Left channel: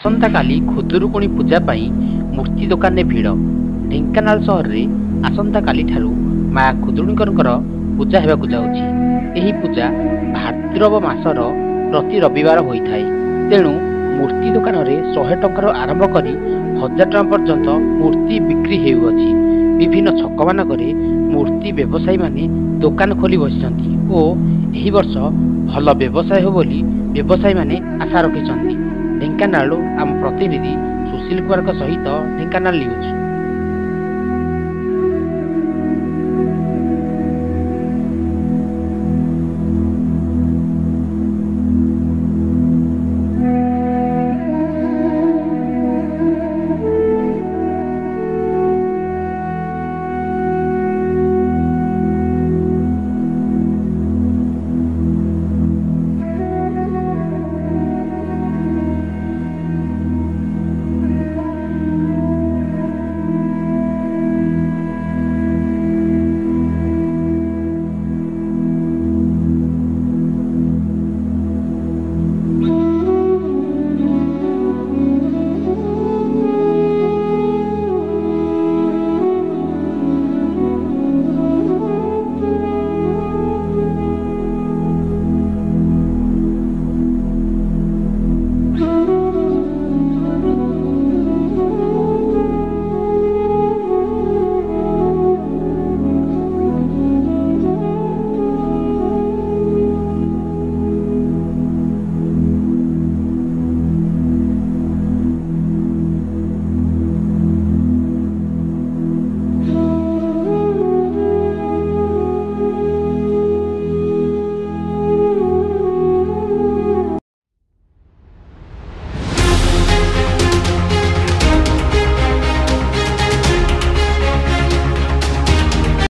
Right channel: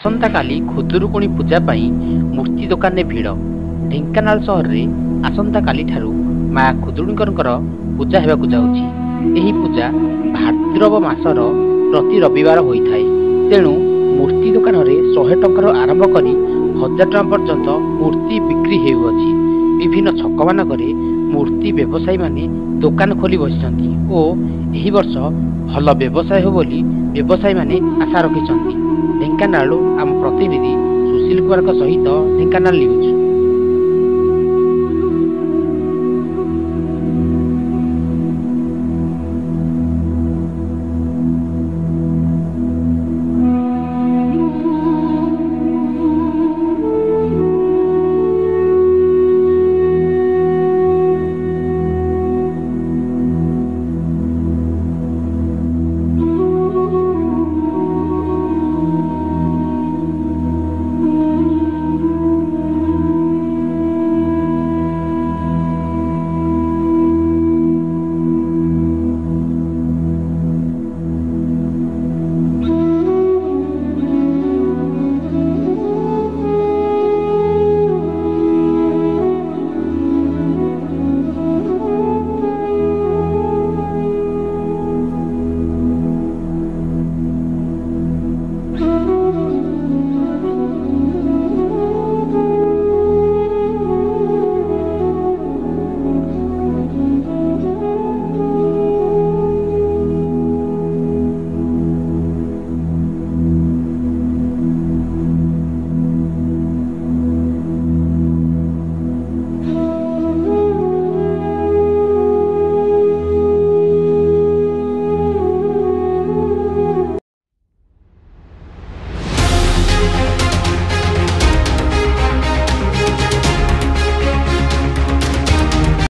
ଆସନ୍ତାକାଲି ଖୁଦୁରୁକୁଣି ପୂଜା ପାଇଁ ମୂର୍ତ୍ତି ଦୋକାନରେ ଭିଡ଼। ଢେଙ୍କାନାଳ ସହରରେ ଆସନ୍ତାକାଲିଠାରୁ ମା ଖୁଦୁରୁକୁଣିଙ୍କର ପୂଜା ହେବାକୁ ଯାଉଛି। ଏହି ପୂଜା ଭାଦ୍ରବ ମାସର ପ୍ରତି ରବିବାର ହୋଇଥାଏ। ତେଣୁ ମୂର୍ତ୍ତି ଦୋକାନରେ 100 ଟଙ୍କାରୁ ଆରମ୍ଭ କରି 1000 ଟଙ୍କା ପର୍ଯ୍ୟନ୍ତ ମୂର୍ତ୍ତି ବିକ୍ରି ହେଉଅଛି। ବିଭିନ୍ନ ଛକମାନଙ୍କରେ ମୂର୍ତ୍ତି ବ୍ୟବସାୟୀମାନେ ଦୋକାନ ଖୋଲି ବସିଛନ୍ତି ଓ ଏହି ବର୍ଷ ଭଲ ବ୍ୟବସାୟ ହେବ ବୋଲି ବ୍ୟବସାୟୀମାନେ ଆଶା ରଖିଛନ୍ତି। ଢେଙ୍କାନାଳରୁ ଆମ ପ୍ରତିନିଧି ସୁଶୀଲ କୁମାରଙ୍କ ସହିତ ଢେଙ୍କାନାଳ ନ୍ୟୁଜ୍।